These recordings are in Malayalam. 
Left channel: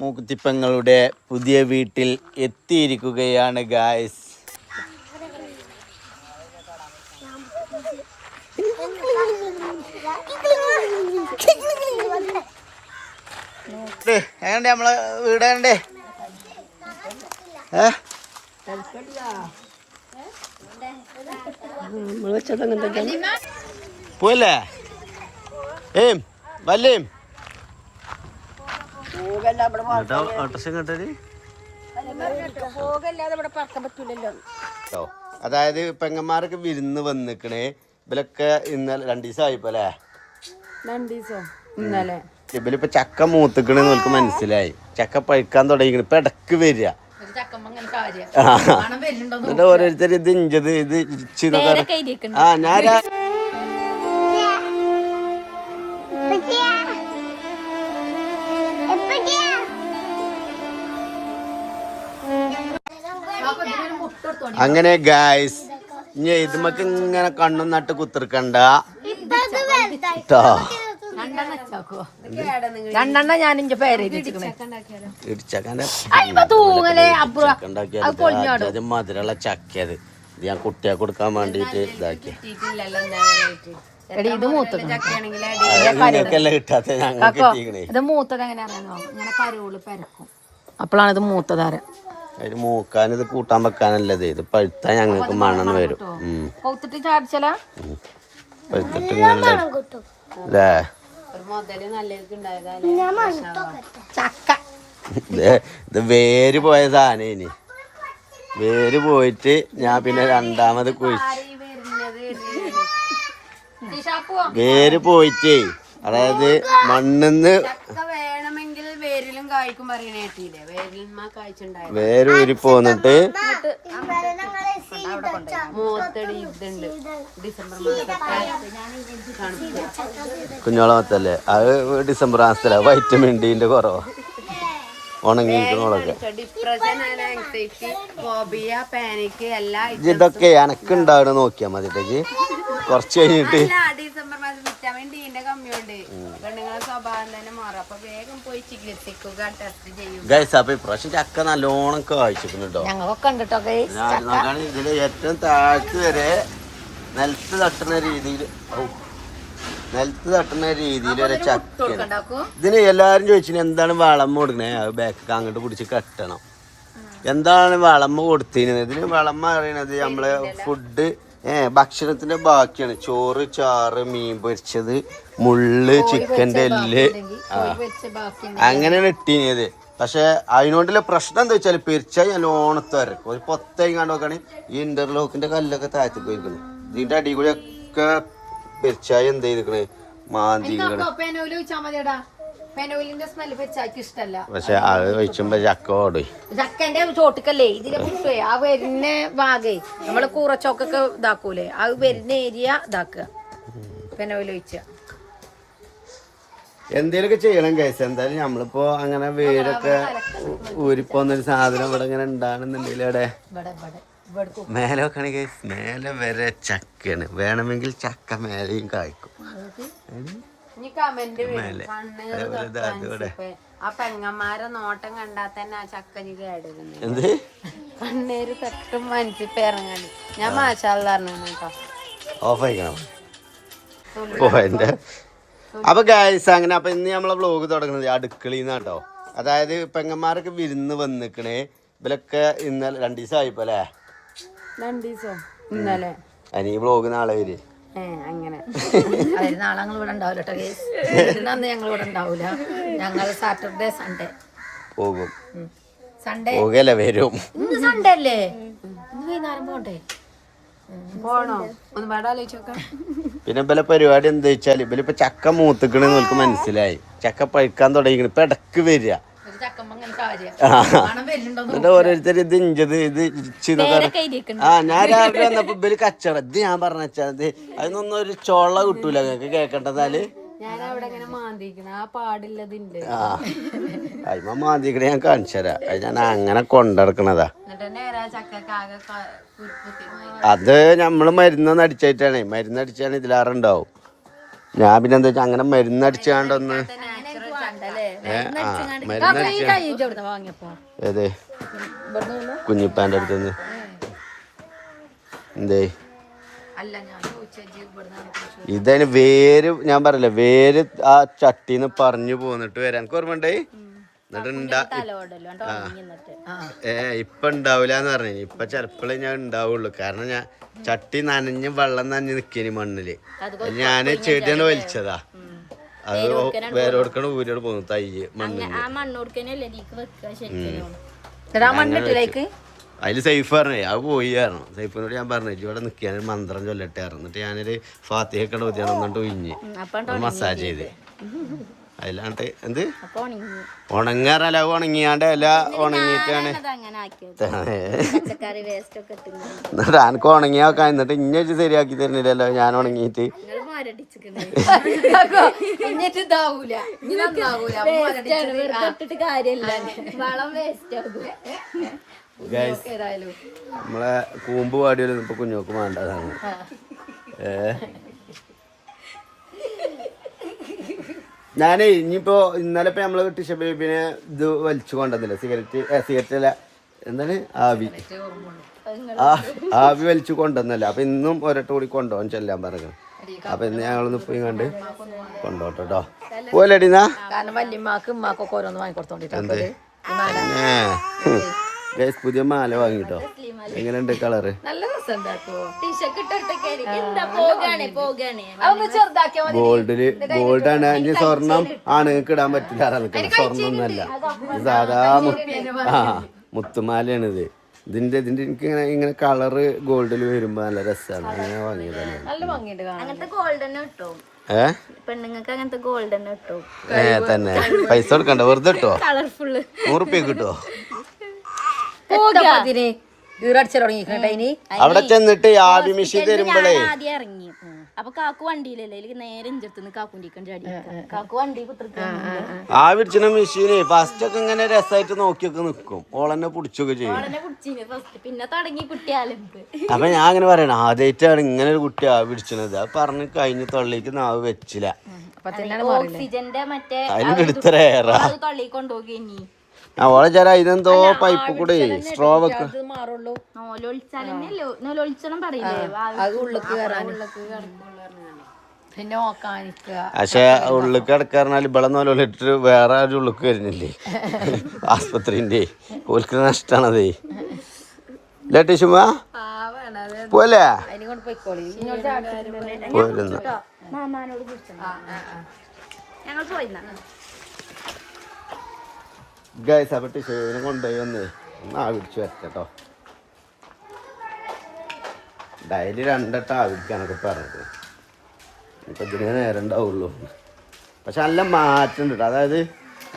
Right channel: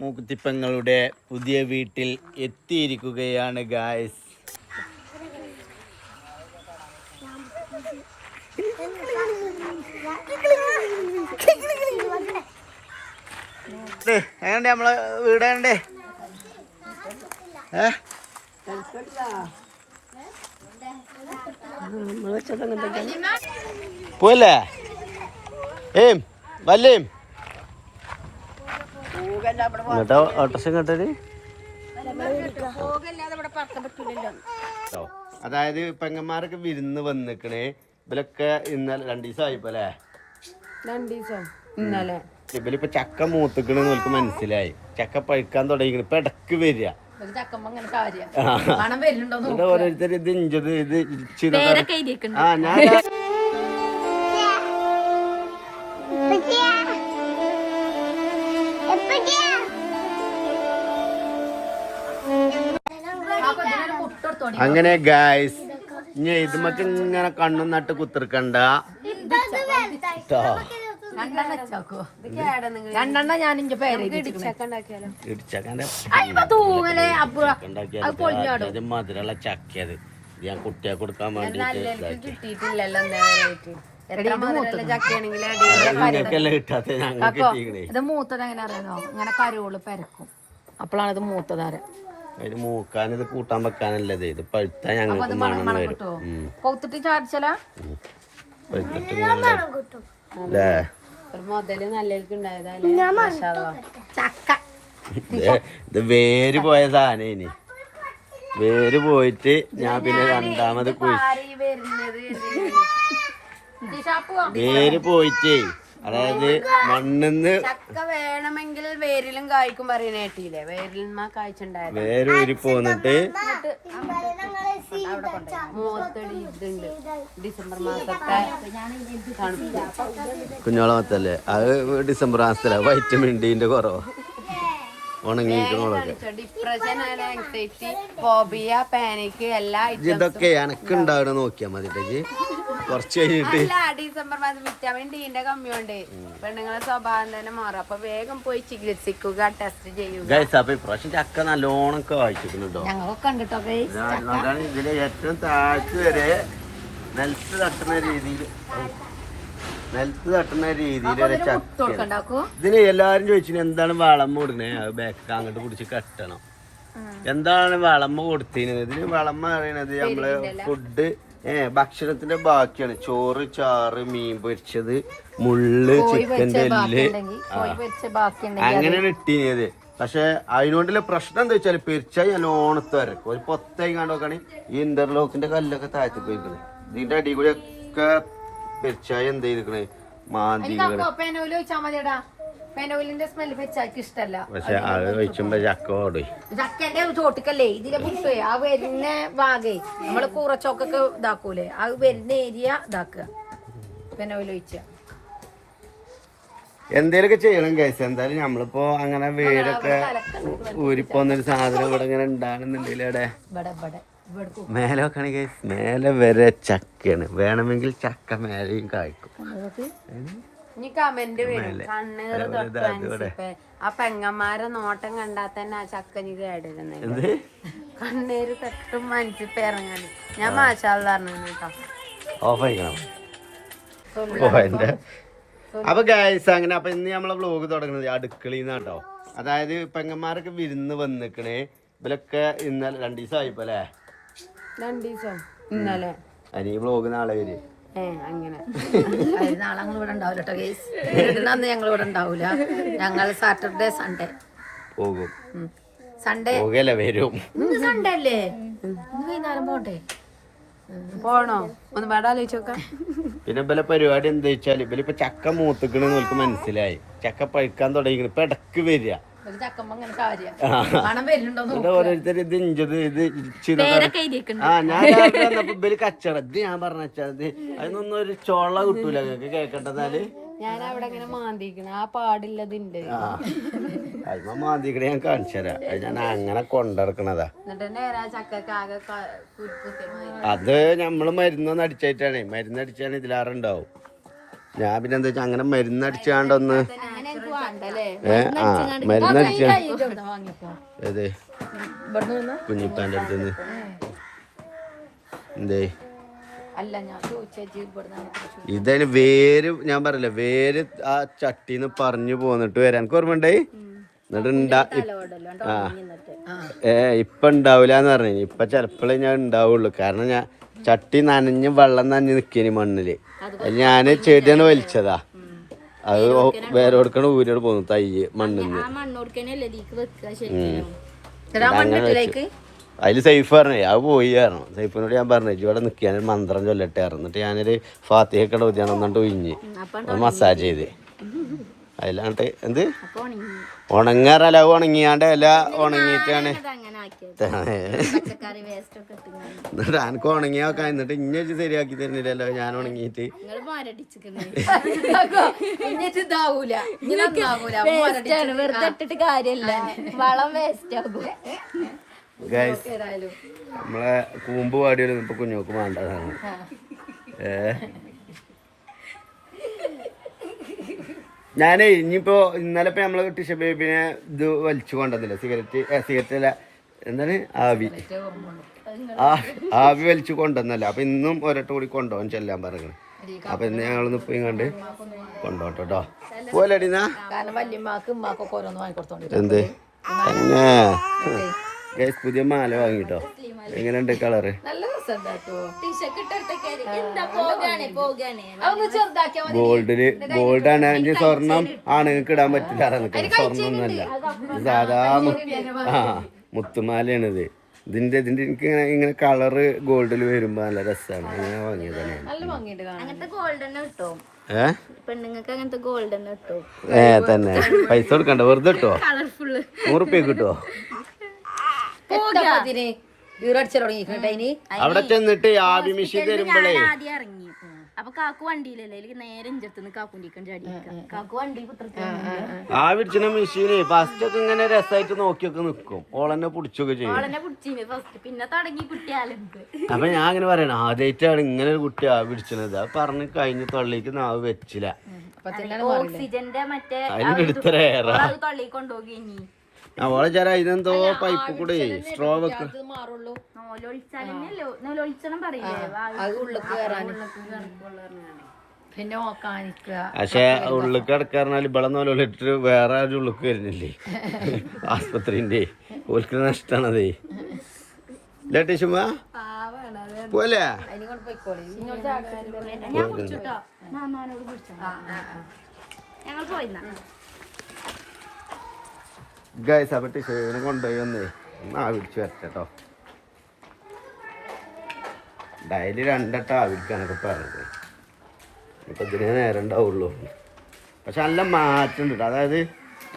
മൂക്കുത്തിപ്പങ്ങളുടെ പുതിയ വീട്ടിൽ എത്തിയിരിക്കുകയാണ് ഗായ്സ്. എങ്ങണ്ട് നമ്മളെ വീടേ പോയല്ലേ വല്ലേം എന്നിട്ടോ ഓട്ടോറിക്ഷ കേട്ടത്. അതായത് പെങ്ങന്മാരൊക്കെ വിരുന്ന് വന്നിക്കണേ. ഇവലൊക്കെ ഇന്നലെ 2 ദിവസം ആയിപ്പോ അല്ലേ? 2 ദിവസം ഇന്നലെ. ഇവലിപ്പോ ചക്ക മൂത്തിക്കണെന്ന് നമുക്ക് മനസ്സിലായി. ചക്ക പഴുക്കാൻ തുടങ്ങിക്കണ്. ഇപ്പൊ ഇടക്ക് വരിക ഓരോരുത്തർ ഇത് ഇഞ്ചത് ഇത് ഞാൻ അങ്ങനെ ഗായ്സ്, ഇനി ഇതുമൊക്കെ ഇങ്ങനെ കണ്ണും നട്ട് കുത്തിർക്കണ്ട. മധുരമുള്ള ചക്കയത് ഇത് ഞാൻ കുട്ടിയെ കൊടുക്കാൻ വേണ്ടിട്ട് നിങ്ങൾക്കല്ല കിട്ടാത്ത ഞങ്ങൾക്ക് കിട്ടിക്കണേ. ഇത് മൂത്തത് എങ്ങനെ അറിയാമോ? ഇങ്ങനെ കരോള് പരക്കും, അപ്പോഴാണ് ഇത് മൂത്തതാര. അതിന് മൂക്കാൻ ഇത് കൂട്ടാൻ വെക്കാനല്ലത്. ഇത് പഴുത്താ ഞങ്ങൾക്ക് മണം വരും. കൊത്തിട്ട് ചാടിച്ചല പഴുത്തിട്ട് ഇങ്ങനെ അല്ലേ ഇത് വേര് പോയ സാധനം. ഇനി വേര് പോയിട്ട് ഞാൻ പിന്നെ രണ്ടാമത് വേര് പോയിട്ടേ, അതായത് മണ്ണിന്ന് വേണമെങ്കിൽ വേരിലും കായ്ക്കും പറയണ കേട്ടില്ലേ? വേര് ഊരി പോന്നിട്ട് ഡിസംബർ മാസത്തെ കുഞ്ഞോളം മത്തല്ലേ? അത് ഡിസംബർ മാസത്തില. വൈറ്റമിൻ ഡിന്റെ കുറവാ. ഉണങ്ങിയിരിക്കണോളൊക്കെ ഡിപ്രഷൻ, ആൻസൈറ്റി, ഫോബിയ, പാനിക് എല്ലാം ഇതൊക്കെ എനക്കുണ്ടാവണ നോക്കിയാ മതിട്ടേക്ക്. കുറച്ച് കഴിഞ്ഞിട്ട് ഡിസംബർ മാസം വിറ്റാമിൻ ഡിന്റെ കമ്മിയുണ്ട്. പെണ്ണുങ്ങളെ സ്വഭാവം തന്നെ മാറും. അപ്പൊ വേഗം പോയി ചികിത്സിക്കുക, ടെസ്റ്റ് ചെയ്യുക. ഗൈസ്, അപ്പൊ ഇപ്രാവശ്യം ചക്ക നല്ലോണം കായ്ച്ചിട്ടുണ്ടോ? നോക്കാണ് ഇതില് ഏറ്റവും താഴ്ച വരെ നിലത്ത് തട്ടുന്ന രീതിയിൽ ഒരു ചക്കയാണ്. ഇതിന് എല്ലാരും ചോദിച്ചു എന്താണ് വളമ്മ കൊടുക്കണേ? അത് ബാക്ക് അങ്ങോട്ട് പിടിച്ച് കെട്ടണം. എന്താണ് വളമ്മ കൊടുത്തിരുന്നത്? ഇതിന് വളമ്മ അറിയണത് നമ്മള് ഫുഡ് ഭക്ഷണത്തിന്റെ ബാക്കിയാണ്. ചോറ്, ചാറ്, മീൻ പൊരിച്ചത്, മുള്ള്, ചിക്കന്റെ എല്ല്, അങ്ങനെയാണ് ഇട്ടീനത്. പക്ഷെ അതിനോണ്ടുള്ള പ്രശ്നം എന്താ വെച്ചാൽ പെരിച്ചായി നല്ലോണത്ത് വരക്കും. ഒരു പൊത്തായി കണ്ടു നോക്കുകയാണെങ്കിൽ ഈ ഇന്റർലോക്കിന്റെ കല്ലൊക്കെ താഴത്തേക്ക് പോയിക്കണേ. ഇതിന്റെ അടി കൂടി ഒക്കെ പെരിച്ചായി എന്ത് ചെയ്തിക്കണേ? മാന്തിക്കണേ. പക്ഷെ അത് ഒഴിച്ചുമ്പോ ചക്ക ഓടും. ചക്കന്റെ ചോട്ടിക്കല്ലേ ഇതിലെ മുട്ടേ ആ വരുന്ന ഭാഗേ നമ്മള് കൂറച്ചോക്കൊക്കെ ഇതാക്കൂലേ, അത് വരുന്ന ഏരിയ ഇതാക്കുക, പെനോയിൽ ഒഴിച്ച. എന്തേലൊക്കെ ചെയ്യണം കേസ്. എന്തായാലും നമ്മളിപ്പോ അങ്ങനെ വേരൊക്കെ ഊരിപ്പോന്നൊരു സാധനം ഇവിടെ ഇങ്ങനെ ഉണ്ടാകുന്നുണ്ടെങ്കിൽ അവിടെ മേലെ വെക്കണ കേസ്. മേലെ വരെ ചക്കയാണ്. വേണമെങ്കിൽ ചക്ക മേലെയും കായ്ക്കും. മേലെ അതേപോലെ അതോടെ ആ പെങ്ങന്മാരെ നോട്ടം കണ്ടാൽ തന്നെ ആ ചക്കന് കേടുന്നത്. എന്ത് കണ്ണേര് തെറ്റും മനസ്സിപ്പ ഇറങ്ങാൻ ഞാൻ മാഷാള്ള കേട്ടോ. ഓഫ് ആയിക്കണം പോയിന്റെ. അപ്പൊ ഗായ്സ്, അങ്ങനെ അപ്പൊ ഇന്ന് നമ്മളെ വ്ലോഗ് തുടങ്ങുന്നത് അടുക്കളയിൽ നിന്നാട്ടോ. അതായത് പെങ്ങന്മാരൊക്കെ വിരുന്ന് വന്നിക്കണേ. ഇവലൊക്കെ ഇന്നലെ 2 ദിവസം ആയിപ്പോ അല്ലേ? 2 ദിവസം ഇന്നലെ. അതിന് ഈ വ്ലോഗ് നാളെ വരെ അങ്ങനെ നാളെ ഇവിടെ ഉണ്ടാവില്ല കേട്ടോ. അന്ന് ഞങ്ങൾ ഇവിടെ ഉണ്ടാവൂല. ഞങ്ങൾ സാറ്റർഡേ സൺഡേ പോകും. സൺഡേ പോകല്ലേ വരും. സൺഡേ അല്ലേ? വൈകുന്നേരം പോണ്ടേ? പോണോ? ഒന്ന് വേണ്ട ആലോചിച്ച് നോക്കാം. പിന്നെ ഇവലെ പരിപാടി എന്താ വെച്ചാൽ ഇവലിപ്പോ ചക്ക മൂത്തിക്കണെന്ന് നമുക്ക് മനസ്സിലായി. ചക്ക പഴുക്കാൻ തുടങ്ങിക്കണ്. ഇപ്പൊ ഇടക്ക് വരിക ഓരോരുത്തർ ഇത് ഇഞ്ചത് ഇത് ഞാൻ രാവിലെ വന്നപ്പോ ഇവര് കച്ചവടം ഇത് ഞാൻ പറഞ്ഞത് അതിനൊന്നും ഒരു ചോള കിട്ടൂല. നിങ്ങൾക്ക് കേക്കട്ടതാല് ഞാൻ അവിടെ ഇങ്ങനെ മാന്തിക്കണ ആ പാടില്ലതിണ്ട്. അതിമ മാന്തിക്കണ ഞാൻ കാണിച്ചു തരാം. അത് ഞാൻ അങ്ങനെ കൊണ്ടിറക്കണതാ. അത് നമ്മള് മരുന്നൊന്നും അടിച്ചായിട്ടാണ്. മരുന്നടിച്ചാണ് ഇതിലാറുണ്ടാവും. ഞാൻ പിന്നെ എന്താ വെച്ചാൽ അങ്ങനെ മരുന്നടിച്ചാണ്ടൊന്ന് ഏതേ കുഞ്ഞിപ്പാൻ്റെ അടുത്തുനിന്ന് എന്തേ ഇതതിന് വേര് ഞാൻ പറയില്ല വേര് ആ ചട്ടിന്ന് പറഞ്ഞു പോന്നിട്ട് വരാൻ എനിക്ക് ഓർമ്മണ്ടായി എന്നിട്ട് ഇപ്പൊ ഉണ്ടാവില്ലാന്ന് പറഞ്ഞു ഇപ്പൊ ചിലപ്പോഴേ ഞാൻ ഉണ്ടാവുള്ളൂ കാരണം ഞാൻ ചട്ടി നനഞ്ഞ് വെള്ളം നനഞ്ഞ് നിക്കേനി മണ്ണില് ഞാന് ചെടിയാണ് വലിച്ചതാ അത് വേറെ കൊടുക്കണ ഊരോട് പോന്നു തയ്യ് മണ്ണിന് അതില് സൈഫ് പറഞ്ഞേ അത് പോയി കാരണം സൈഫിനോട് ഞാൻ പറഞ്ഞു ഇവിടെ നിൽക്കാൻ മന്ത്രം ചൊല്ലട്ടെ എന്നിട്ട് ഞാനൊരു ഫാത്തിഹൊക്കെ ഊതിയാണ് എന്നിട്ട് ഒഴിഞ്ഞ് മസാജ് ചെയ്ത് അതിലാണ്ട് എന്ത് ഉണങ്ങാറല്ല ഉണങ്ങിയാണ്ട് ഇല ഉണങ്ങിയിട്ടാണ് എന്നിട്ട് എനിക്ക് ഉണങ്ങിയാക്കാൻ എന്നിട്ട് ഇഞ്ഞ ശരിയാക്കി തരുന്നില്ലല്ലോ ഞാൻ ഉണങ്ങിയിട്ട് നമ്മളെ കൂമ്പ് പാടിയാലും ഇപ്പൊ കുഞ്ഞോക്ക് വേണ്ടതാണ് ഞാനേ ഇനിയിപ്പോ ഇന്നലെ ഇപ്പൊ നമ്മള് ടിഷ ബേബിനെ ഇത് വലിച്ചു കൊണ്ടുവന്നില്ല സിഗരറ്റ് അല്ല എന്താണ് ആവി വലിച്ചു കൊണ്ടുവന്നല്ല അപ്പൊ ഇന്നും ഒരട്ട കൂടി കൊണ്ടുപോകാൻ ചെല്ലാൻ പറഞ്ഞു അപ്പൊ ഇന്ന് ഞങ്ങളൊന്ന് പോയി കണ്ട് കൊണ്ടോട്ടോ പോലെടിന്നാ എന്ത് ഗൈസ് പുതിയ മാല വാങ്ങിട്ടോ എങ്ങനെയുണ്ട് കളറ് ഗോൾഡാണ് ഇനി സ്വർണം ആണുങ്ങൾക്ക് ഇടാൻ പറ്റില്ല നിൽക്കണം സ്വർണ്ണം ഒന്നല്ല സാധാ മുത്തുമാലയാണിത് ഇതിന്റെ എനിക്ക് ഇങ്ങനെ കളറ് ഗോൾഡിൽ വരുമ്പോ നല്ല രസമാണ് അങ്ങനെ വാങ്ങിയതാണ് തന്നെ പൈസ കൊടുക്കണ്ട വെറുതെ കിട്ടോ 100 കിട്ടോ അവിടെ ചെന്നിട്ട് ആവി മെഷീൻ തരുമ്പോഴേ അപ്പൊ കാക്കു വണ്ടിയിലല്ലേ നേരെ കാക്കു വണ്ടി ആവി പിടിച്ച മെഷീന് ഫസ്റ്റ് ഒക്കെ ഇങ്ങനെ രസമായിട്ട് നോക്കിയൊക്കെ നിക്കും ഓളെന്നെ പിടിച്ചൊക്കെ ചെയ്യും പിന്നെ തുടങ്ങി കുട്ടിയാലും അപ്പൊ ഞാൻ അങ്ങനെ പറയണ ആദ്യമായിട്ടാണ് ഇങ്ങനെ ഒരു കുട്ടി ആവി പിടിച്ചത് അത് പറഞ്ഞ് കഴിഞ്ഞ് തൊള്ളിക്ക് നാവ് വെച്ചില്ല ഓക്സിജന്റെ മറ്റേ തൊള്ളി കൊണ്ടുപോകി ഓളെ ചേരാ ഇതെന്തോ പൈപ്പ് കൂടെ സ്ട്രോ വെക്ക പക്ഷെ ഉള്ളിക്ക് കിടക്കാറിഞ്ഞാൽ ഇവിടെ നോലിട്ട് വേറെ ഒരു ഉള്ളിക്ക് വരുന്നില്ലേ ആസ്പത്രിന്റെ ഓൽക്ക് നഷ്ടാണതേ ഇല്ല ടിഷുമ പോലെ ഞങ്ങൾ പോയി ഗൈസ് അപ്പൊ ടിഷുവിനെ കൊണ്ടുപോയി വന്നേ ഒന്ന് ആവിടിച്ചു വരട്ടോ ഡെയിലി 2 വട്ടം ആവിടിക്കാനൊക്കെ പറഞ്ഞത് ഇപ്പൊ ഇതിനെ നേരം ഉണ്ടാവുള്ളൂ പക്ഷെ നല്ല മാറ്റം ഉണ്ട് അതായത്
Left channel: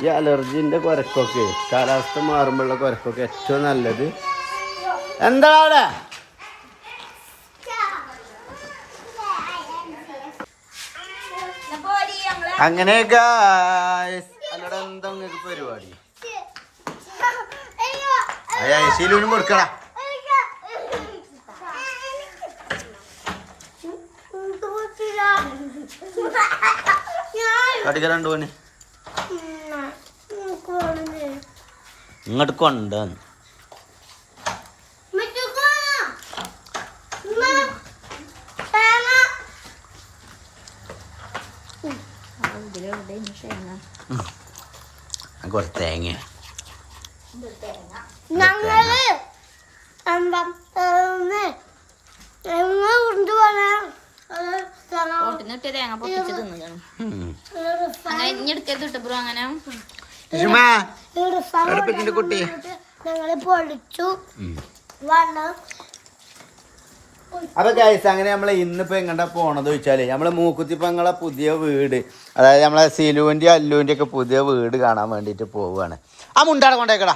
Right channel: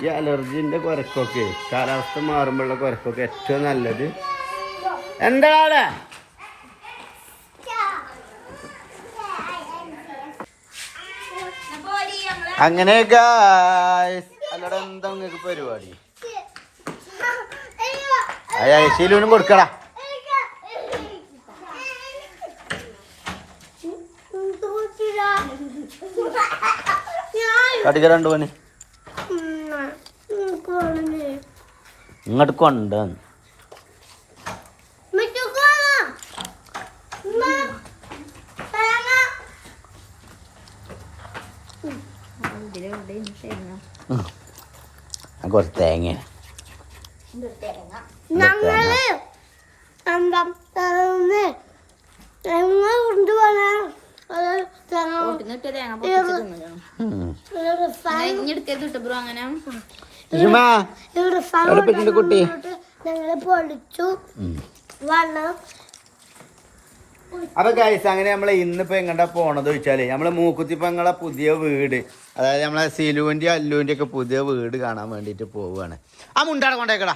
ഈ അലർജിന്റെ കുരക്കൊക്കെ കാലാവസ്ഥ മാറുമ്പോഴുള്ള കുരക്കൊക്കെ ഏറ്റവും നല്ലത് എന്താണ് അങ്ങനെ ഗൈസ് അല്ലടെ എന്താ നിങ്ങൾക്ക് പരിപാടി ശീലൂനും കൊടുക്കടാ കടുക 2 പണി ഇങ്ങോട്ട് കൊണ്ട് കുറച്ച് തേങ്ങ കുട്ടി അപ്പൊ ഗൈസ് അങ്ങനെ നമ്മളെ ഇന്നിപ്പോ എങ്ങോട്ടാ പോണത് ചോദിച്ചാല് നമ്മളെ മൂക്കുത്തിപ്പങ്ങളെ പുതിയ വീട് അതായത് നമ്മളെ സിലുവിന്റെ അല്ലുവിന്റെ ഒക്കെ പുതിയ വീട് കാണാൻ വേണ്ടിട്ട് പോവുകയാണ് ആ മുണ്ടാടെ കൊണ്ടേക്കടാ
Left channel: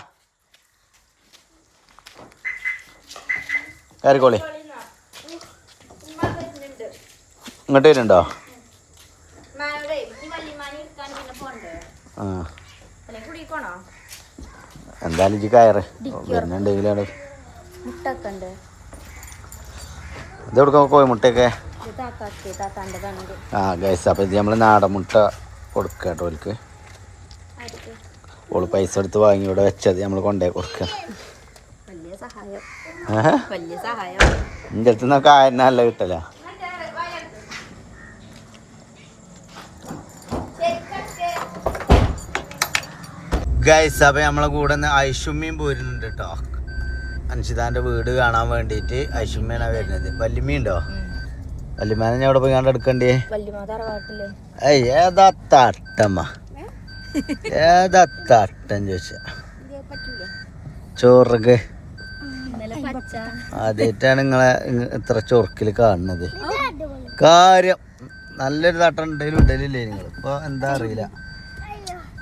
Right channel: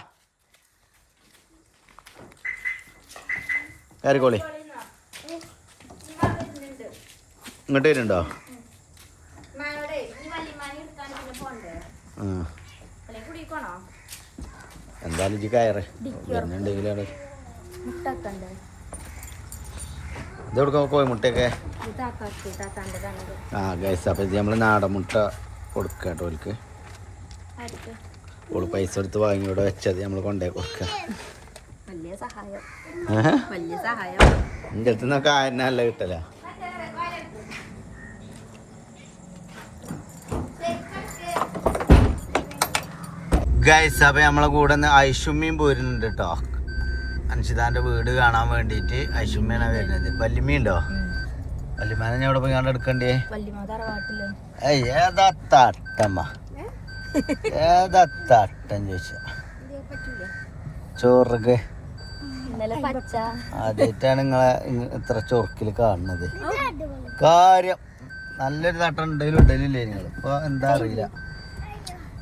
കയറിക്കോളി ഇങ്ങോട്ട് വരുന്നുണ്ടോ ആ എന്തായാലും ഇജ്ജ് കയറ് വരുന്നുണ്ടെങ്കിലാണ് ഇതെവിടെ പോയി മുട്ടയൊക്കെ ആ ഗൈസ് അപ്പം ഇത് നമ്മൾ നാടൻ മുട്ട കൊടുക്കുക കേട്ടോ അവർക്ക് ഓള് പൈസ എടുത്ത് വാങ്ങി ഇവിടെ വെച്ചത് നമ്മൾ കൊണ്ടുപോയി കൊടുക്കുക. വലിയ സഹായം. എൻ്റെ അടുത്ത് നിന്നൊക്കെ നല്ല കിട്ടല. ഗൈസ് അപ്പം നമ്മളെ കൂടെ ഐഷുമ്മയും പോരുന്നുണ്ട് കേട്ടോ. അൻഷിതാൻ്റെ വീട് കാണാൻ വേണ്ടിയിട്ട് ഐഷുമ്മയാണ് വരുന്നത്. വല്യമ്മയുണ്ടോ? വല്യമ്മ ഞാൻ അവിടെ പോയി കണ്ട് എടുക്കണ്ടേ? ഏതാ തട്ടമ്മ ഏതാ തട്ടം ചോദിച്ച ചോറൊക്കെ ആദ്യമായിട്ടാണ് നിങ്ങളെ ഇത്ര ചൊറുക്കില് കാണുന്നത്. കാര്യം നല്ലൊരു തട്ടം ഇടലില്ലേ നിങ്ങൾ? ഇപ്പൊ എന്താ അറിയില്ല.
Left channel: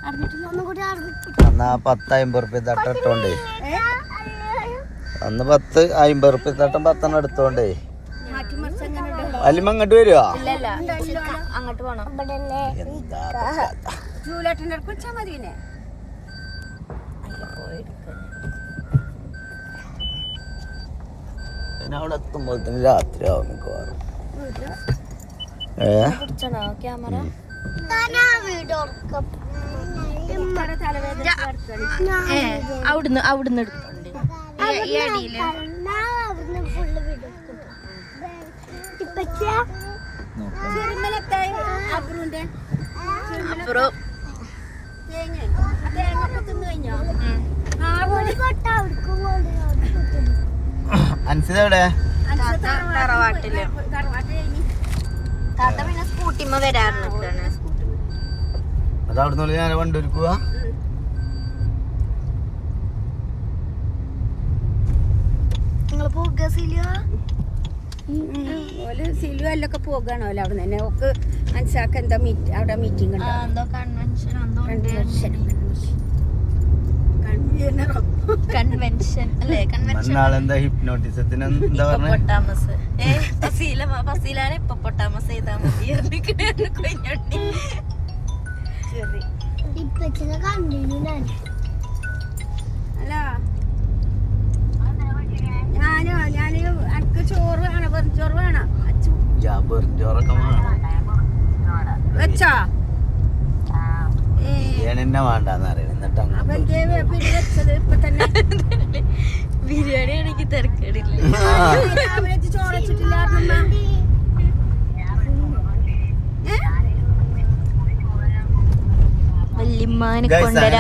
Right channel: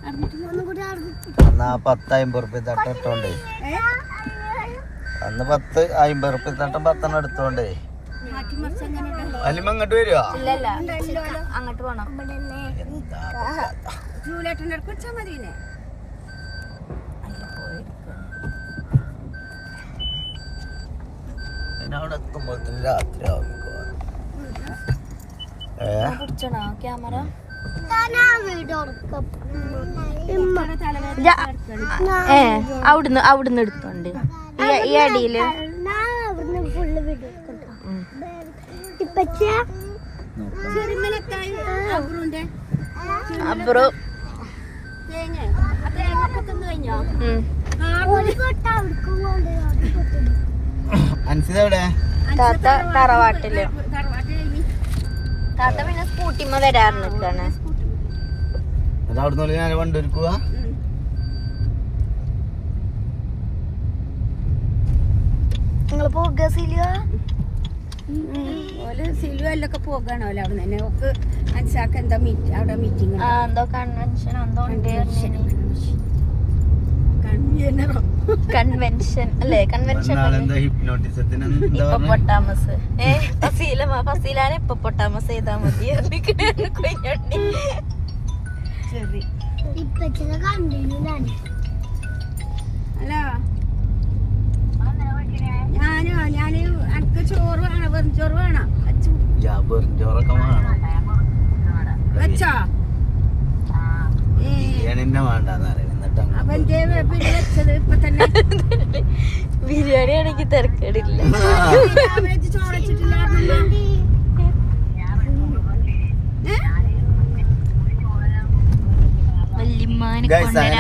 10-50 റുപ്യ തട്ടം ഇട്ടോണ്ടേ അന്ന് 10-50 റുപ്യ തട്ടം 10 എടുത്തോണ്ടേ. അല്ലിമ്മ അങ്ങോട്ട് വരുവാ? അങ്ങോട്ട് പോണം. പിന്നെ അവിടെ എത്തുമ്പോഴത്തേന് രാത്രിയാവും മിക്കവാറും. ക്യാമറ അവിടുന്ന് എടുത്തോണ്ട് ഈ അടിയില് അപ്പുറം അൻസിതെവിടെ? തറവാട്ടില്. താത്ത പിന്നെ സ്കൂട്ടിമ്മ വരാറ് നിക്കാണ്. അതവിടുന്ന് ഞാൻ കൊണ്ടൊരുക്കുക. നിങ്ങള് പോക സിലുവല്ലൊക്കെ പോകാണോ അവിടെ തന്നെ. ഓക്ക് അൻസാക്ക് എന്താ അവിടെ മീറ്റിംഗ് ഉണ്ടോ? കൺവെൻഷൻ അല്ലേ? ഹിപ്നോട്ടിസത്തിന് ഹിപ്പോപ്പൊട്ടാമസ്. ഫസീലാണ് ഹിപ്പോപ്പൊട്ടാമസ് ചെയ്താ മതി. ഞാന് എനിക്ക് ചോറ് വേണം, വെറും ചോറ് വേണം. ചോറൊക്കെ വേണം. വെച്ചാ ബിരിയാണി വേണ്ടെന്നറിയാം. ബിരിയാണി ആണെങ്കിൽ തിരക്കേടില്ല.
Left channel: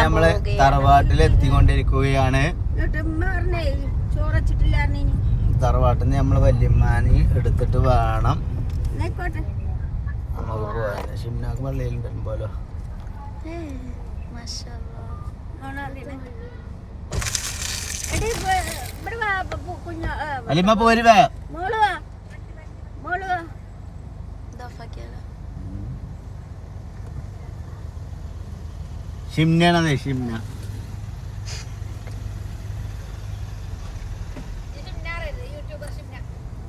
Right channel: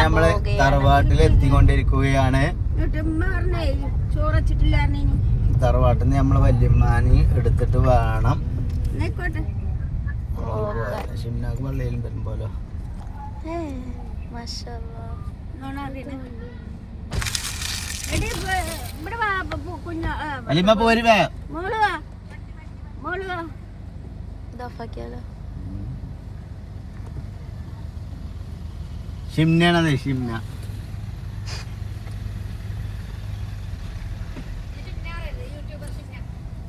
നമ്മള് തറവാട്ടിൽ എത്തിക്കൊണ്ടിരിക്കുകയാണ്. തറവാട്ടിൽ നിന്ന് നമ്മള് വല്യമ്മാനി എടുത്തിട്ട് വേണം ഷിംനാക്ക് പള്ളിയിലും വരുമ്പോലോ. അലിമ പോരുവേ. ഷിംനാണത്, ഷിംന.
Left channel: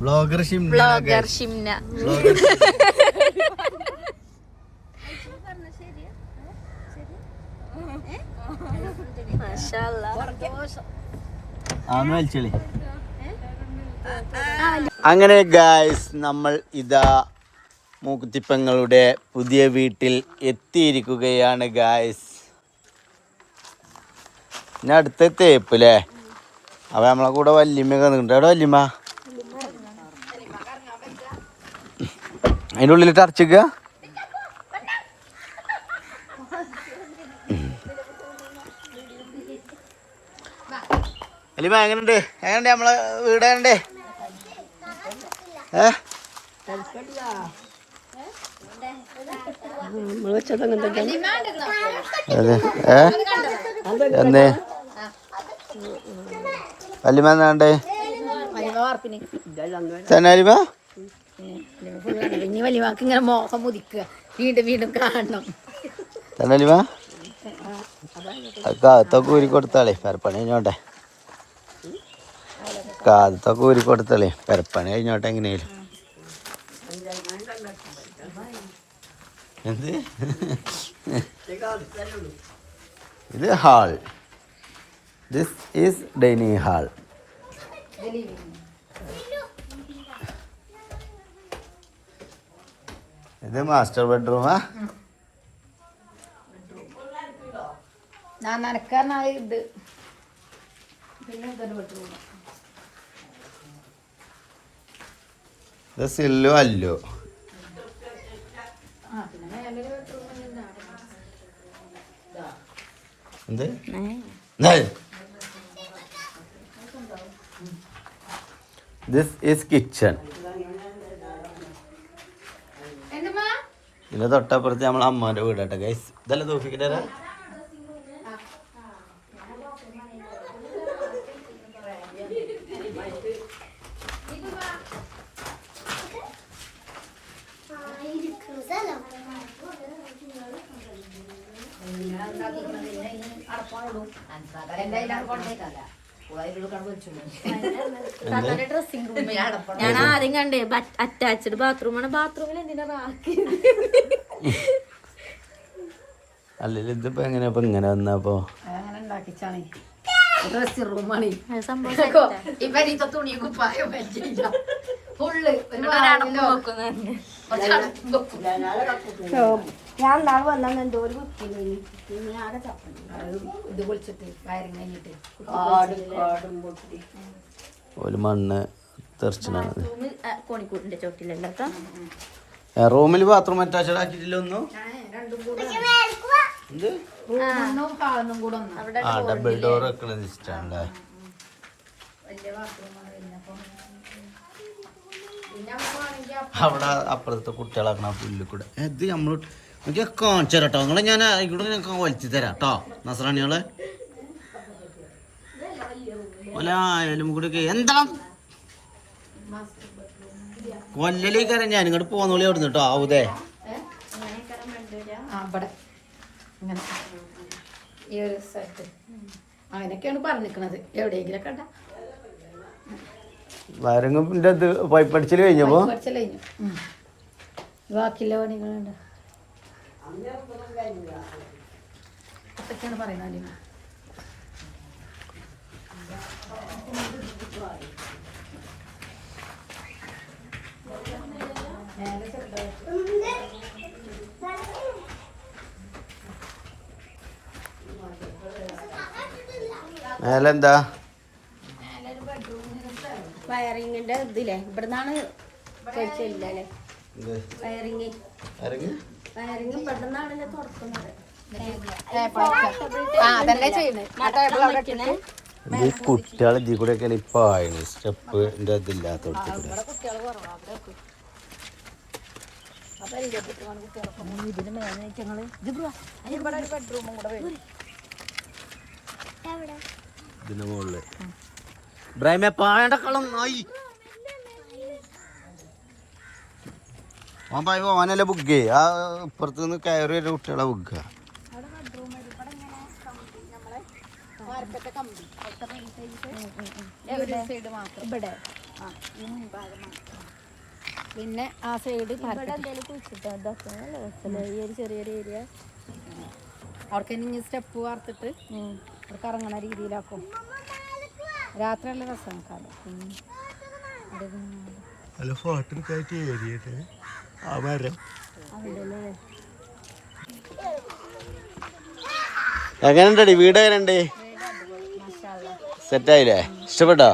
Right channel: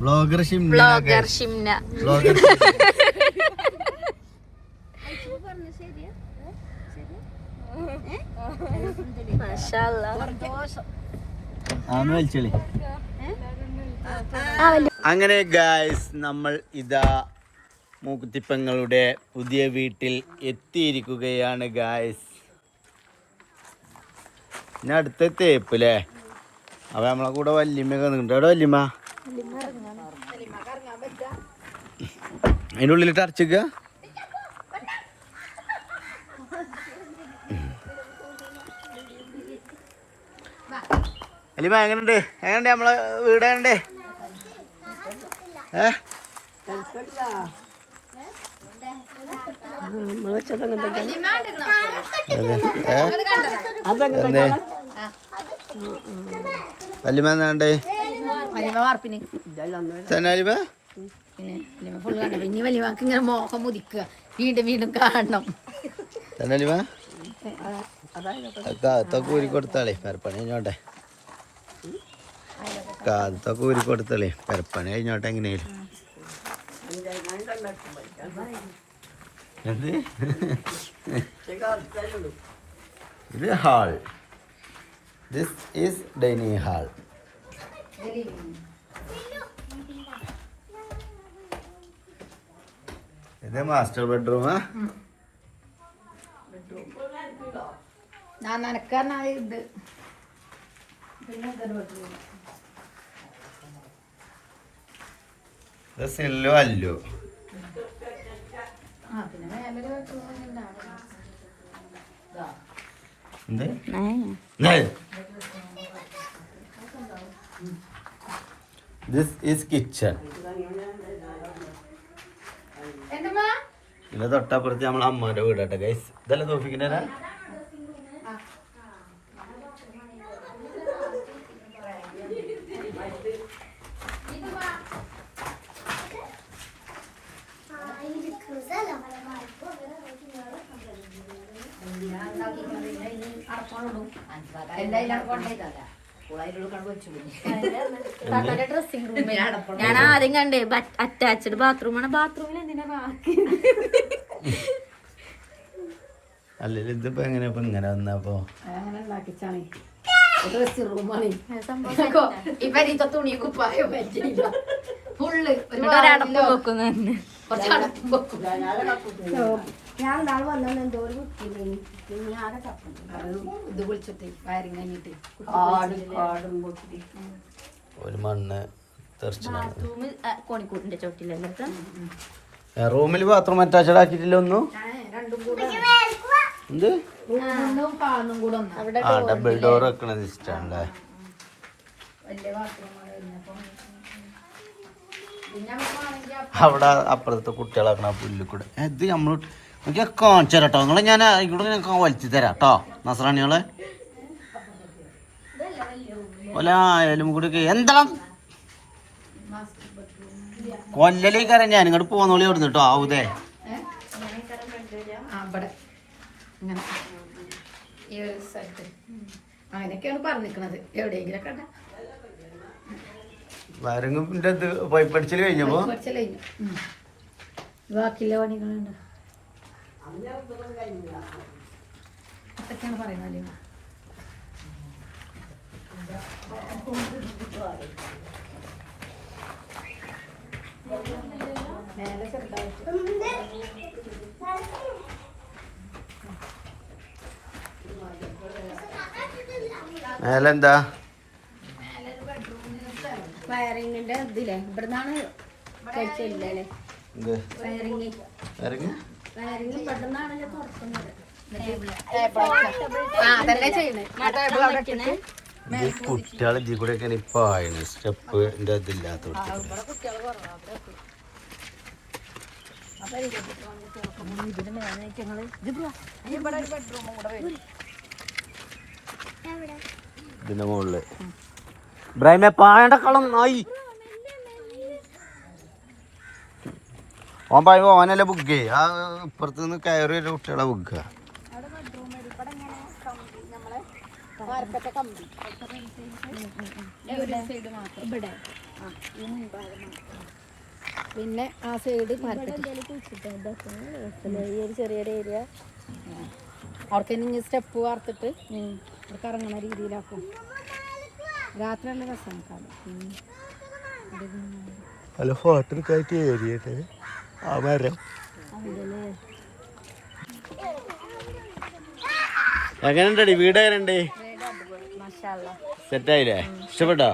ബ്ലോഗർ ഷിംന. അങ്ങനെ ഗായ്സ് നമ്മൾ ഇതാ മൂക്കുത്തിപ്പങ്ങളുടെ പുതിയ വീട്ടിൽ എത്തിയിരിക്കുകയാണ് ഗായ്സ്. പിന്നെ അടുത്ത തേപ്പ് അല്ലേ? അപ്പൊ നമ്മളെ കൂടെ വല്യമ്മയൊക്കെ നിൽക്കുന്നുണ്ട്. അവിടെ വല്യമ്മ അതിൻ്റെ ഉള്ളിലിട്ട് അടച്ചിക്ക. വല്യമ്മ എങ്ങനെയുണ്ട്? എങ്ങനെയുണ്ട് നമ്മളെ വീട്? എങ്ങനെയുണ്ട്? വല്യമ്മ എന്നാണ്ട് തന്നെ വല്യമ്മ? ഇനി വലിയവാക്ക് ഇങ്ങനെ മോഹം മുതിക്കുക, വീണ്ടും വീണ്ടും കാണണം. തന്നെ വല്യമ്മ? കാത്തൊക്കെ ഊരി കൊടുത്താളേ, പെരപ്പണി കഴിഞ്ഞോട്ടെ. കാത്തൊക്കെ ഊരി കൊടുത്താളേ, പെരപ്പണി കഴിഞ്ഞോട്ടെ എങ്ങനെയാലും. എന്ത് ഇത്? Hall. This is dining hall. ഇത് മാസ്റ്റർ ബെഡ്റൂമാ. ഞാൻ നനക്കാരനാ ഇത് പിന്നെ ബെഡ്റൂം സില്ലോ അല്ലോ പിന്നെ മേലെ ബെഡ്റൂം എന്ത് ദിസ് ഈസ് കിച്ചൺ. ഇതിന്റെ തൊട്ടപ്പുറത്ത് നമ്മളെ അമ്മാന്റെ വീടാട്ടെ ഗൈസ്. ഇതല്ല തോഫിക്കിന്റെ ഡ്രസ്സിംഗ് റൂമേ ഞാൻ ആദ്യം കണ്ടേ അറ്റാച്ച്ഡ് ബാത്റൂമാണ്. ബാത്റൂമിൽ എന്തിനാ അല്ലെങ്കിൽ ഇതിപ്പോ എങ്ങനെയാ ഇങ്ങനെ വന്നപ്പോ ഡ്രസ്സിംഗ് റൂമാണ് ഇവരിത്തെ തുണി കുപ്പായോ ഫുള്ള് ഞാൻ നാളെ വന്നാൽ എന്തോ ഒരു കുത്തിനെ ഇത് വിളിച്ചിട്ട് വയറിങ് കഴിഞ്ഞിട്ട് ഒരു മണ്ണ് കോണിക്കൂട്ടിന്റെ ചോട്ടിലല്ലോ. റൂമിൽ ബാത്റൂം അറ്റാച്ച്ഡ് ആക്കിയിട്ടില്ല ഒന്നും. രണ്ടും കൂടെ റൂമും ഹാളും കൂടെ ആ ഡബിൾ ഡോർ വെക്കണത് ഇഷ്ടല്ലേ. അവിടെ അപ്പുറത്തെ കുട്ടികളാക്കണ പുല്ല് കൂടെ ഇത് നമ്മൾ എനിക്ക് കാണിച്ചു തരാം കേട്ടോ. നിങ്ങളെ ഞാൻ ഇവിടെ ഞങ്ങൾക്ക് വലിച്ചു തരാം കേട്ടോ നസ്രാണികളെ. ആയാലും കൂടി എന്താ കൊല്ലലേക്കാരം ഞാൻ ഇങ്ങോട്ട് പോന്നോളി അവിടുന്ന് കേട്ടോ. ആവൂതേ അങ്ങനെയൊക്കെയാണ് പറഞ്ഞിരിക്കണത്. എവിടെയെങ്കിലും കണ്ട വയറിങ്ങിന്റെ ഇത് പൈപ്പ് അടിച്ചിട്ട് കഴിഞ്ഞപ്പോ ബാക്കിയുള്ള പണികളുണ്ട് അതൊക്കെയാണ് പറയുന്നത്. മേലെന്താ വയറിങ്ങിന്റെ ഇതില്ലേ ഇവിടുന്നാണ് കഴിച്ചില്ലേ വയറിങ് ഇവിടുന്നാണല്ലോ തുറക്കുന്നത്. കുട്ടികളെ ഇതിൽ കൂടെ ഒക്കെ ഇപ്പൊ ആയിരുന്നു സ്റ്റെപ്പിന്റെ ഇതില്ലാത്ത ഇതിന്റെ മുകളില് ഇബ്രാഹിമെ പായണ്ട കളം ആയി ഓൻ പായ ഓനല്ലേ ബുക്ക് ചെയ്യ. ആ ഇപ്പുറത്ത് നിന്ന് കയറി ഒരു കുട്ടികളെ ബുക്ക് ചെയ്യുക. പിന്നെ ആ സൈഡ് ചെറിയൊരു ഏരിയ അവർക്ക് ഇനി സ്റ്റെപ്പ് വാർത്തിട്ട് അവർക്ക് ഇറങ്ങണ രീതിയിലാക്കും. രാത്രി നല്ല രസമാണ് കാലം. അല്ല ഫോട്ടോക്കായിട്ട് ഏരിയട്ട് ആ മരം എങ്ങനെയുണ്ടടി വീട്? എങ്ങനെയുണ്ട്? സെറ്റായില്ലേ? ഇഷ്ടപ്പെട്ടോ?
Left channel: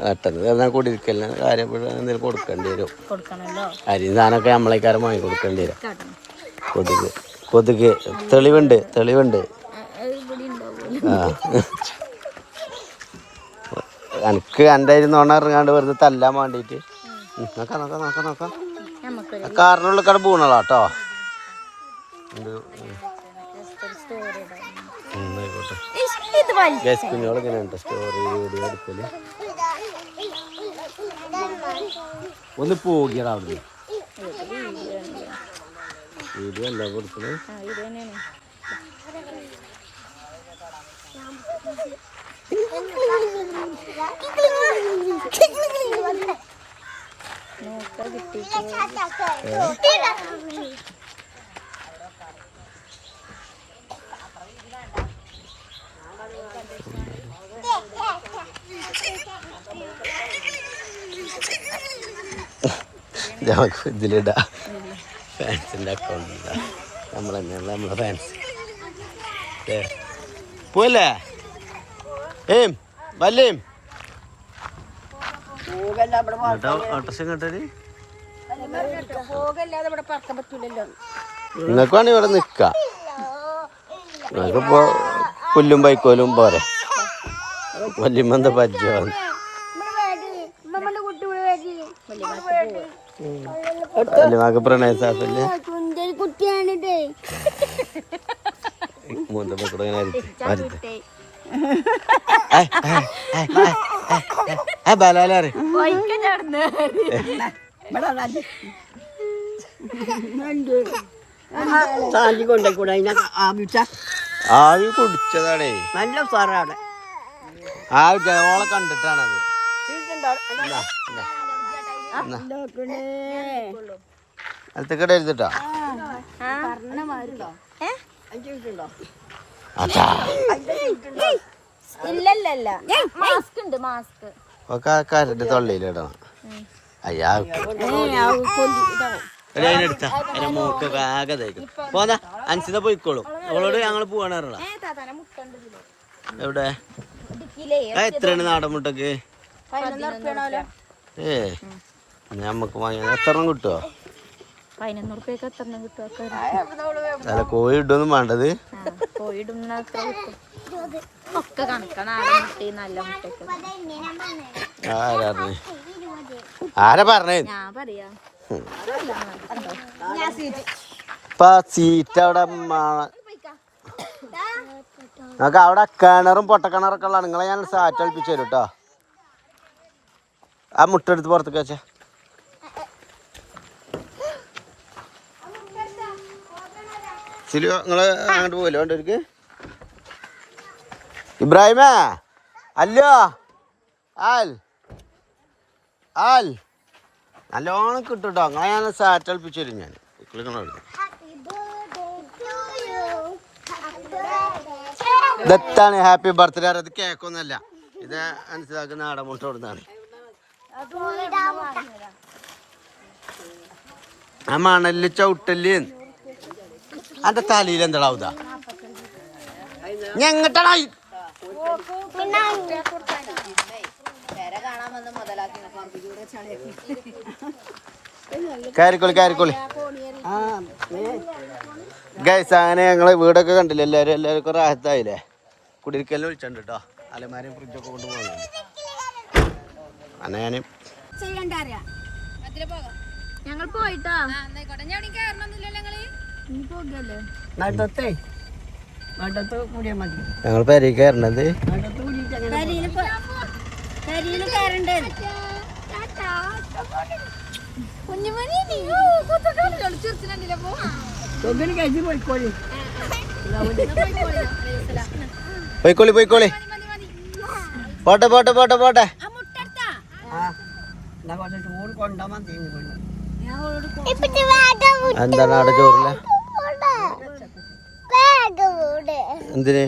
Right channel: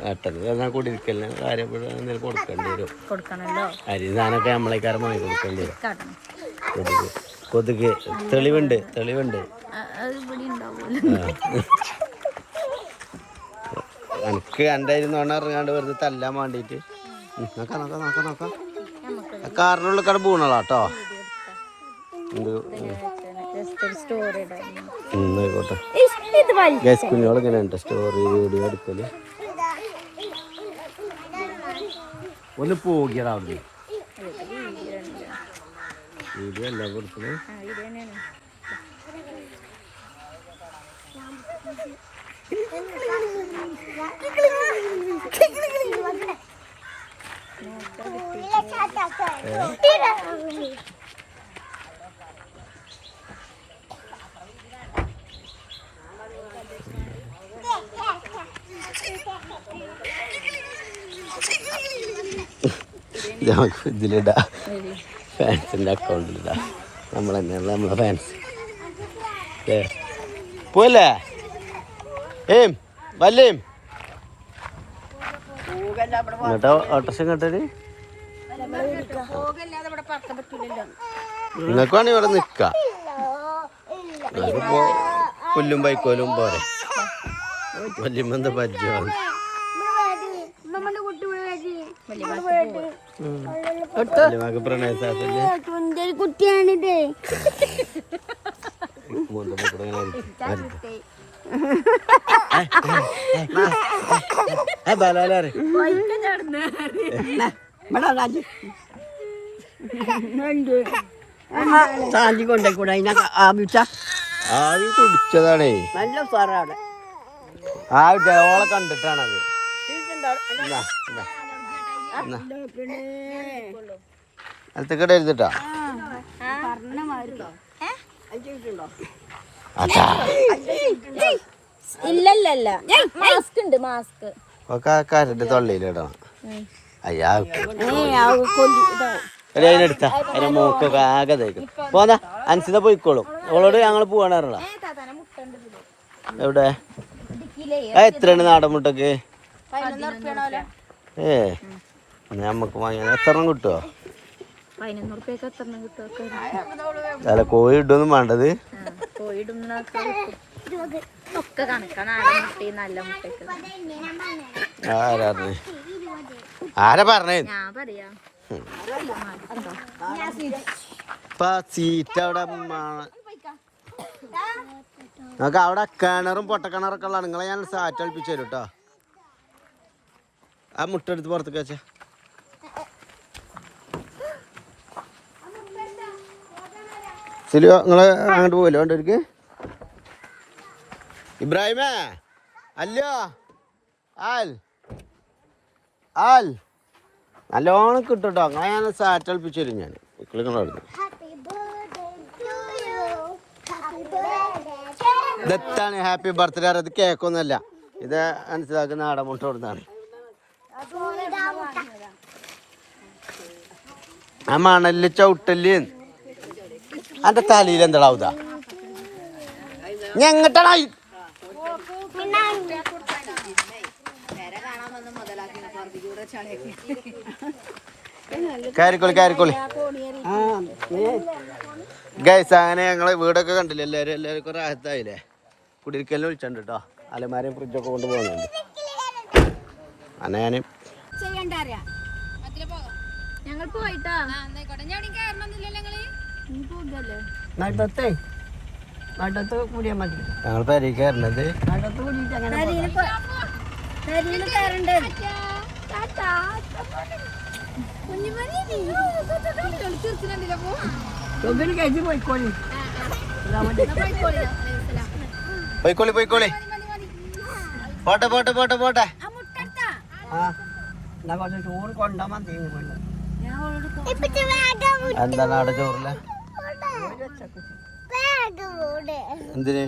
പെട്ടെന്ന് കൂടിയിരിക്കല്ല കാര്യം എന്തെങ്കിലും കൊടുക്കേണ്ടി വരും. അരി സാധനമൊക്കെ നമ്മളേക്കാരം വാങ്ങി കൊടുക്കേണ്ടി വരും. കൊതുക് തെളിവുണ്ട് എനിക്ക് എൻ്റെ നോണ ഇറങ്ങാണ്ട് വെറുതെ തല്ലാൻ വേണ്ടിയിട്ട് നോക്കാം കാറിനുള്ളിൽ കട പൂണളാട്ടോ. ആയിക്കോട്ടെ കുഞ്ഞോളിങ്ങനെ സ്റ്റോറി വീഡിയോ എടുക്കല്. ഒന്ന് പോകിയടാ അവിടുന്ന്. വീഡിയോ അല്ല കൊടുക്കണേ. ഇതിലിടാ ഫാൻസിന്റെ അക്കൗണ്ടിലിടാ. നമ്മളെ ഫാൻസ് പോയല്ലേ വല്ലേം എന്നിട്ടോ ഓട്ടോറിക്ഷ കേട്ടത് നിങ്ങൾക്ക് വേണമെങ്കിൽ ഇവിടെ നിൽക്കാം നിങ്ങൾക്കിപ്പോ പുല്ലും ബൈക്കോലും പോരെ വല്യമ്മന്ത പരിചയമാണ് വല്യമ്മക്ക് പ്രണയസാപ്പല്ലേ ബലാലേ ആവി കുടിച്ചതാണേ ആ ഓളെ കണ്ടിട്ടാണത് അടുത്തേക്കടെ എഴുതിട്ടാ ഇല്ലല്ല മാസ്ക് ഉണ്ട് മാസ്ക് ഒക്കെ കരണ്ട് തൊള്ളിയിലിടണം അയ്യാ അതിനെടുത്താ അതിന്റെ മൂക്കൊക്കെ ആകെ തേക്കും പോന്നാ അൻസിത പോയിക്കോളും അവളോട് ഞങ്ങൾ പോവാണ് പറഞ്ഞ എവിടെ എത്രയാണ് നാടൻ മുട്ടക്ക് ഞമ്മക്ക് വാങ്ങിയ എത്ര എണ്ണം കിട്ടുമോ 11 കിട്ടും അല്ല കോഴി ഇട്ടൊന്നും വേണ്ടത് ഒക്കെ കണക്കാണ് നല്ല മുട്ടയൊക്കെ ആരാ പറഞ്ഞേ ഞാൻ പറയാ സീറ്റ് അവിടെ നമുക്ക് അവിടെ കിണറും പൊട്ടക്കിണറൊക്കെ ഉള്ള നിങ്ങളെ ഞാൻ സാറ്റ് കളിപ്പിച്ചു തരും കേട്ടോ ആ മുട്ട എടുത്ത് പുറത്തേക്ക് വെച്ചാ ശരിയോ നിങ്ങള് അങ്ങോട്ട് പോവല്ലോ വേണ്ടവർക്ക് ഇബ്രാഹിമേ അല്ലോ ആൽ ആൽ നല്ലോണം കിട്ടും കേട്ടോ അങ്ങനെ ഞാൻ സാറ്റ് കളിപ്പിച്ചു തരും ഞാൻ നിങ്ങളവിടെ ഇതെത്താണ് ഹാപ്പി ബർത്ത്ഡേ അത് കേക്കൊന്നുമല്ല ഇത് മനസ്സിലാക്കുന്ന നാടൻ മുട്ട കൊടുത്താണ് ആ മണല് ചവിട്ടല് അന്റെ തലയിൽ എന്താടാവുക ഞങ്ങട്ടാ കയറിക്കോളി ഗൈസ് അങ്ങനെ ഞങ്ങള് വീടൊക്കെ കണ്ടില്ല എല്ലാവർക്കും റാഹത്തായില്ലേ കുടിരിക്കലിന് വിളിച്ചിട്ടുണ്ട് കേട്ടോ അലമാരയും ഫ്രിഡ്ജൊക്കെ കൊണ്ട് പോകുന്നുണ്ട് അങ്ങനെ ഞങ്ങൾ പോയിട്ടാ ഞങ്ങൾ പെരേ കയറണത് പോയിക്കോളി പോട്ടെ എന്താണ് അവിടെ ചോറില്ല എന്തിന്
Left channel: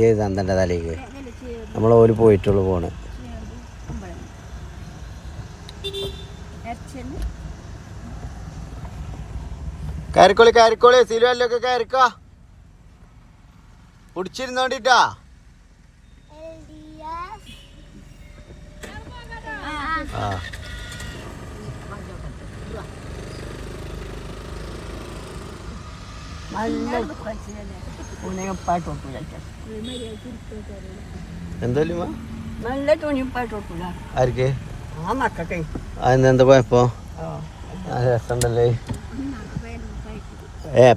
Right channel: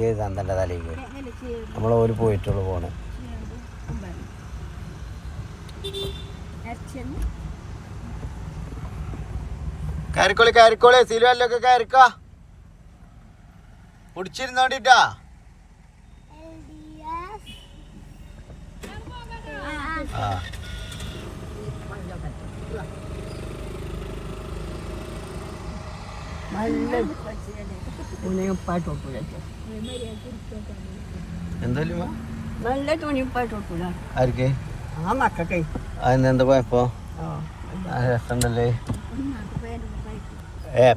ഏത് അന്തന്റെ തലേക്ക് നമ്മളോര് പോയിട്ടുള്ളു പോണ് കയറിക്കോളി സിലുവല്ലൊക്കെ കയറിക്കോ കുടിച്ചിരുന്നോണ്ടിട്ടാ ആ നല്ല തുണിപ്പായിട്ട് ആർക്ക് ആ മക്കൾക്കേ അതെന്താ പോയപ്പോ രസമുണ്ടല്ലേ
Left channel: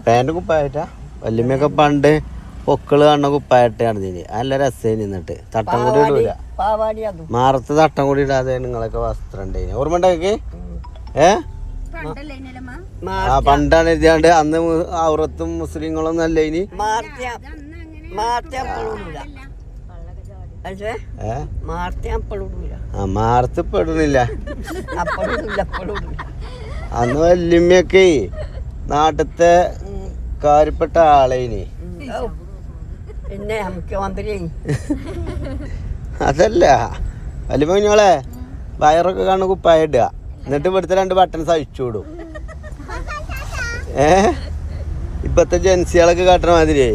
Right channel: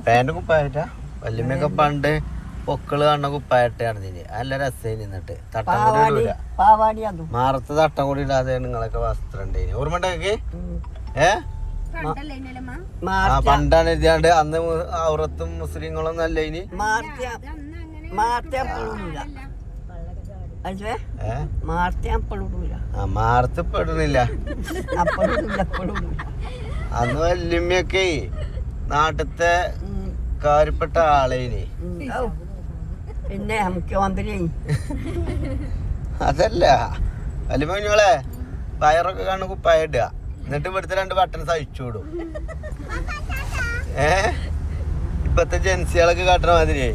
പാന്റ് കുപ്പായിട്ടാ വല്യമ്മയൊക്കെ പണ്ട് പൊക്കള് കാണുന്ന കുപ്പായിട്ടാണ് ഇതിന് നല്ല രസം നിന്നിട്ട് തട്ടം കൂടി ഇടൂല മാറത്ത് തട്ടം കൂടി ഇടാതെ നിങ്ങളൊക്കെ വസ്ത്രം ഉണ്ടായിന് ഓർമ്മ ഉണ്ടേക്ക് പണ്ടാണ് എഴുതിയാണ്ട് അന്ന് ഔറത്തും മുസ്ലിങ്ങളൊന്നും അല്ല ഇനി മാർത്ത് പെടുന്നില്ല അന്ന് വല്യമ്മയൊക്കെ നാട്ടത്തെ കാര്യപ്പെട്ട ആളേനി. പിന്നെ മുഖ്യമന്ത്രി അതല്ല വലിയ കുഞ്ഞോളെ വയറൊക്കെ കാണുന്ന കുപ്പായ ഇടുക, എന്നിട്ട് ഇവിടുത്തെ 2 ബട്ടൺസ് അഴിച്ചു വിടും. ഇപ്പത്തെ ജെൻസികളൊക്കെ കാട്ടണ മാതിരിയേ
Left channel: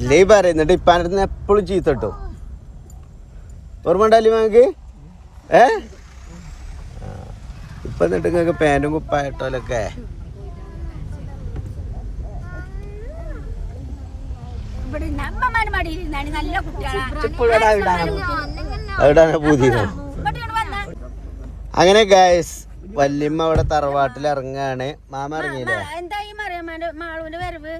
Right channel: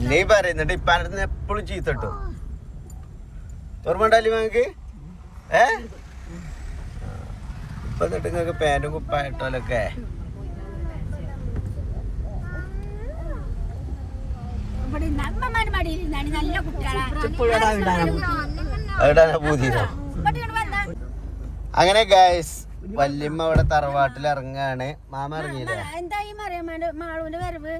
ഇല്ലേ പറയും. എന്നിട്ട് ഇപ്പാൻ്റെ അടുത്ത് എപ്പോഴും ചീത്ത കിട്ടും. ഓർമ്മ ഉണ്ടല്ലേ നമുക്ക്? ഇപ്പൊ എന്നിട്ട് നിങ്ങൾക്ക് പാൻറ്റും കുപ്പായിട്ടോലൊക്കെ അവിടാണ് പൂതിയോ. അങ്ങനെ ഗൈസ് വല്യമ്മ അവിടെ തറവാട്ടിൽ ഇറങ്ങാണ്. മാമ ഇറങ്ങിയില്ലേ? എന്തായി മാളൂന്റെ വരവ്?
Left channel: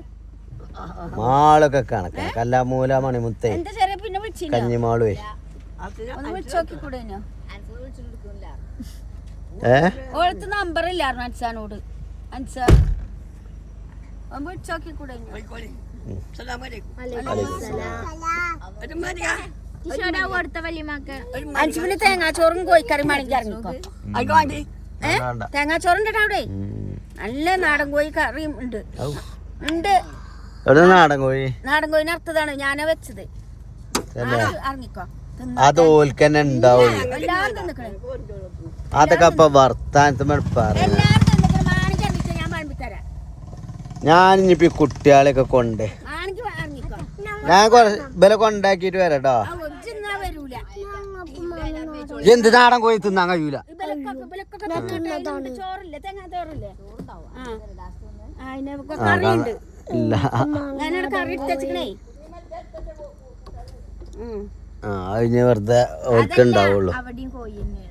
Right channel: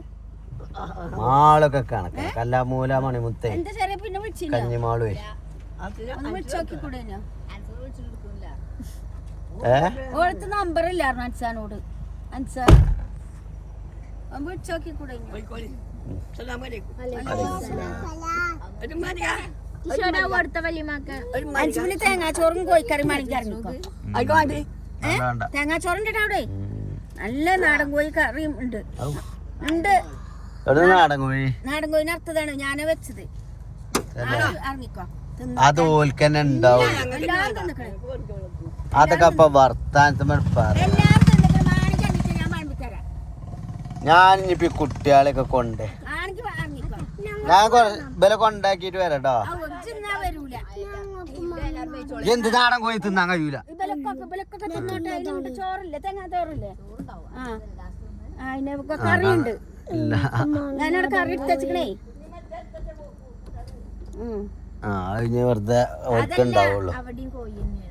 മാളൊക്കെ കണക്ക് കല്ലാമൂല മണിമുത്തേ എന്താ ചെറിയ പിന്നെ വിളിച്ചില്ല? കഞ്ഞിമാളുവേ ഓളത്ത് നമ്പർ ഇല്ലായിരുന്നു അൻസാനോട്. അൻസാ വിളിച്ചോക്കിക്കൂടെ? അഞ്ചുമണി തേങ്ങാച്ചോറും കോഴിക്കറി വേണമെങ്കിൽ ഇറങ്ങിക്കോ. തേങ്ങാച്ചോറുണ്ട് അവിടെ, നല്ല നാടൻ കോഴി കറിയും ഉണ്ട്. നാടൻ കോഴി, നാടൻ കോഴിനെ അർത്ഥതാണ് ഞാനാ വെച്ചത്. ഇറങ്ങിക്കോ. അത് ഓൽക്കന്നെ ഉണ്ടാവും. അതൊക്കെ അപ്പൊ വർത്താനത്ത് മെടുപ്പാണ്. ഞാൻ പഴമ്പിത്തരാം. ഞാനിപ്പോ ഈ കുട്ടികളെയൊക്കെ കൊണ്ട് ഞാൻ വില കൊണ്ടാക്കിട്ട് വരാട്ടോ. വരൂല എന്ത് നാടൻ കോഴി തിന്നാൻ കഴിയൂല. ചോറില്ലേ, തേങ്ങാ ചോറില്ലേ? കറിയുണ്ട്. ഞാനവിടെ കറി എടുത്തേ. അതിന് വെറുതെ ഓർക്കുണ്ടാവുള്ളൂ. അവിടെയും കോഴി തന്നെയാണ്.